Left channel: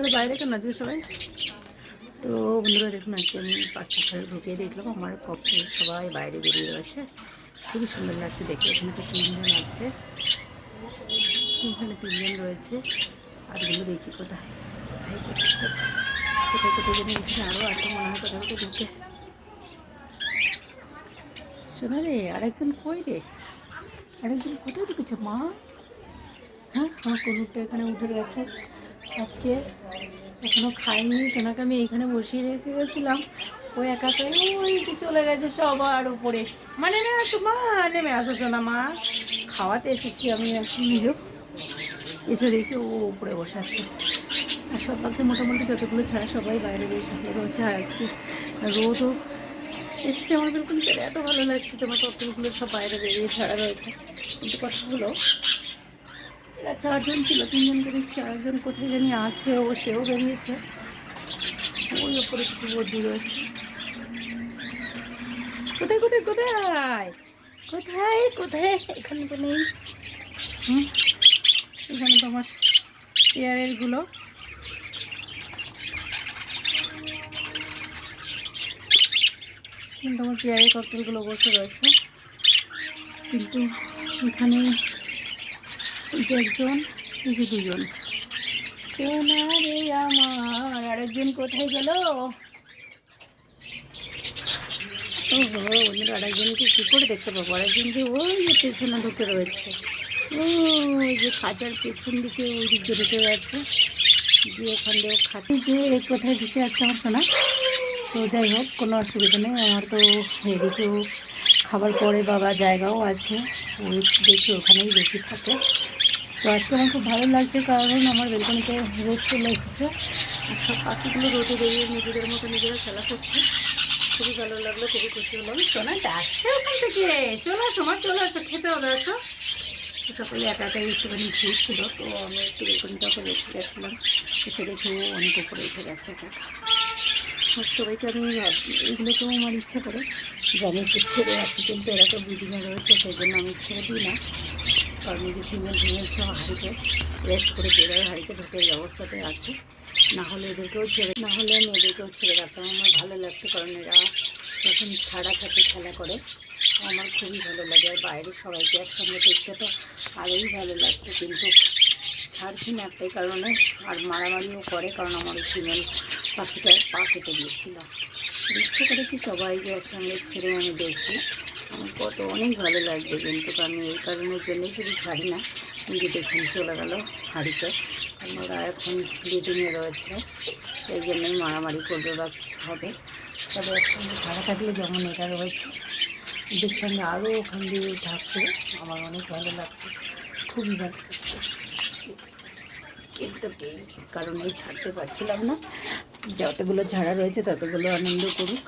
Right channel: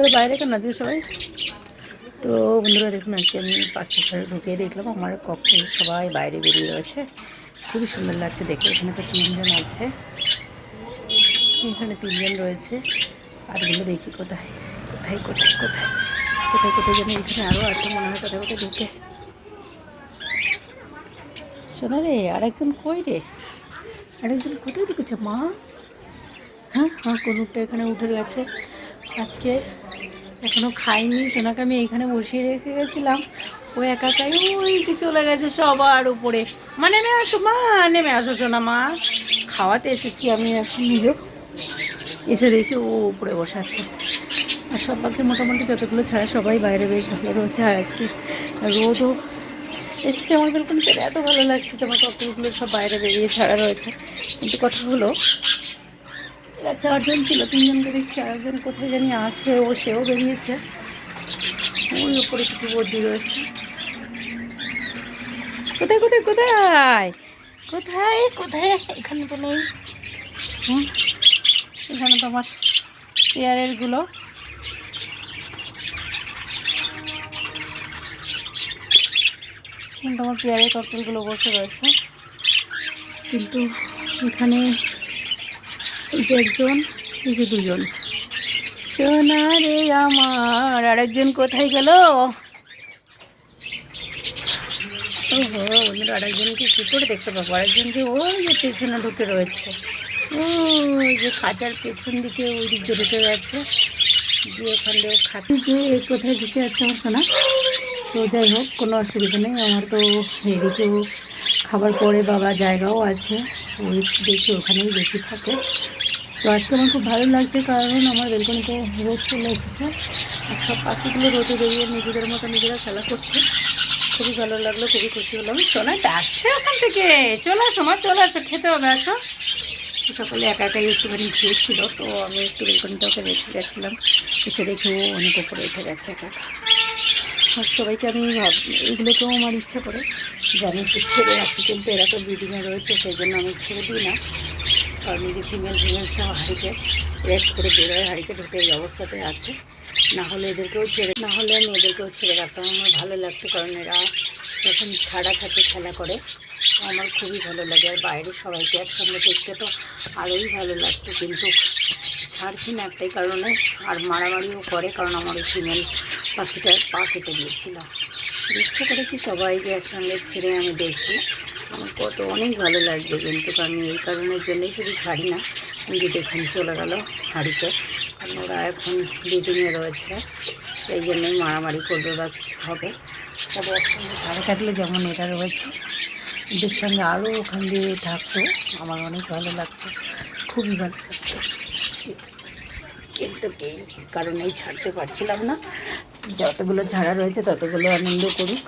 তোরা বাইরে কেন আজকে সবাই? তো বন্ধুরা দেখুন, আজকে আমি পাখির ঘরে ঢুকিয়ে দেখলাম আমার ককটেল সবাই বাইরে বেরিয়ে রয়েছে। খুবই সুন্দর লাগছে দেখে। এখানে তো 3 জন আছে, এখানে 3 জন রয়েছে। আরগুলো দেখি কোথায় কোথায় কোথায় কোথায় কোথায় কোথায় যেন এখানে আরও আছে মনে হয়, কোথায় কোথায় ঢুকে। শোনা রে, আরেকজন কই রে? আরেকজন কোথায় ঢুকেছে মা? হ্যাঁ হ্যাঁ, কুনুরটা এখানে উঠে গেছে। আজকে এখনও খাইনি। সোনাকে আমি এইখানে বসিয়ে রেখে গেছিলাম, ও একাই ওই যে চলে গেছে সবার উপরে। মা নেমে আসো, মা নেমে আসো সোনা, মা খাওয়াতে এসেছি আমি এখন নিজেও। এসে দেখি ও উপরে বসে আছে। আর সব পাখি মোটামুটি যতগুলো ছাড়া সবাই বাইরে বেশ ভালো রয়েছে। আর আজকে রোদও এসছে আমার বেলকনিতে, এত ভালো লাগছে যে আমার ককটেলগুলো সব বাইরে বেরিয়ে ছাড়া রয়েছে। কিন্তু কথা হলো, এরা 4 জন ছিল, 3 জনকে দেখছি আরেকজন কোথায় জানি আছে, ও সেও বেরিয়েছে। ওই ওপরে কিছু বদ্যি রয়েছে। কোথায় কোথায় কোথায় কোথায় কোথায়? এখানে তো নেই। হুম, এখানে তো আমার পেয়ারেরগুলো। কিন্তু আমার পেয়ারের ককটেলগুলো বসে রয়েছে। কিন্তু এখানে এই যে একজন, এই যে 2 জন। সোনা রে আমার, আরেকজন কোথায় গেল? ওহো বন্ধুরা, আরেকজনকে কী করে দেখতে পাবো? আরেকজন যে ওই যে পেছনে ঢুকে রয়েছে, ওই যে খাঁচার পেছন দিকে ওই দিক দিয়ে ঢুকে গেছে, দিয়ে ওখান দিয়েও খাচ্ছি যে কোথায় ঢুকে আছে আমার সোনা। তো যাই হোক, কোনো অসুবিধা নেই। আমার তো এদিকেও খাবার পরে বাবা জায়গাও আছে, ওই দেখি ওখানেই বেশি থাকে। তো আজকে আমার খুব ভালো লাগছে, কারণ আমার বেলকনিতে রোদ চলে এসেছে আর সব পাখিগুলো রোদে বেরিয়ে নিজেদের মতো নিজেরা খেলা করছে। খুবই ভালো লাগলো, খুবই খুশি হলাম। সোনা ডাকছে ওখান থেকে, চলে আসো মা, চলে আসো, খেতে হবে, আসো। সকালে একা একাই একটুখানি ঘুরছিল, তো আমি একটু বেলকনিটা ওকে রেখে গেছিলাম। এসে দেখে ও অনেক উপরে উঠে গেছে একা একা। আর সবাইকে আমি এগুলোকেও আমার ইচ্ছা করে যে আমি একটু ছেড়ে রাখি, কিন্তু এরা তো ব্রিডিংয়ে রয়েছে, সেই জন্য আমি ছেড়ে দিই না। কারণ এই যে ফিমেল সব হাঁড়িতে রেস্ট করে বেরোয়, হাঁড়িতে ঢুকে এই অবস্থাতে আছে। না হলে আমি এদেরকেও ছেড়ে রাখতাম, আমার ভালো লাগতো। কারণ এরা যখন ছাড়া থাকে খেলা করে, আমার খুবই ভালো লাগে। আর বাইরে সবাইকে একসঙ্গে দেখতে তো আরোই ভালো লাগতো, কিন্তু ছাড়ছি না একটাই কারণে। আর মারামারিও করে, কারণ আমার ওই ফিমেল পাখিটার পা কেটে দিয়েছিল। ইচ্ছে করে কি সবাইকে একসঙ্গে ছেড়ে আমি দেখি, আমার কত অনেক ভালো লাগবে। কিন্তু আমি এই কারণের জন্যই শুধু ছাড়ি না। যে দেখুন চলে গেল হাঁড়িতে, কারণ ওরা এখন ব্রিডিংয়ে রয়েছে, সেই জন্যই মারামারি করবে বা কিছু হবে। তবে একসঙ্গে ছাড়া থাকলে যেমন এটা রয়েছে, এদের সঙ্গে আরও ওখান দিয়ে থাকতো, আমার অনেক ভালো লাগতো, খুবই ভালো লাগতো। কিন্তু এই কারণেই ছাড়তে পারছিলাম না। যতগুলো ছাড়া রয়েছে ততগুলো আনন্দ করুক।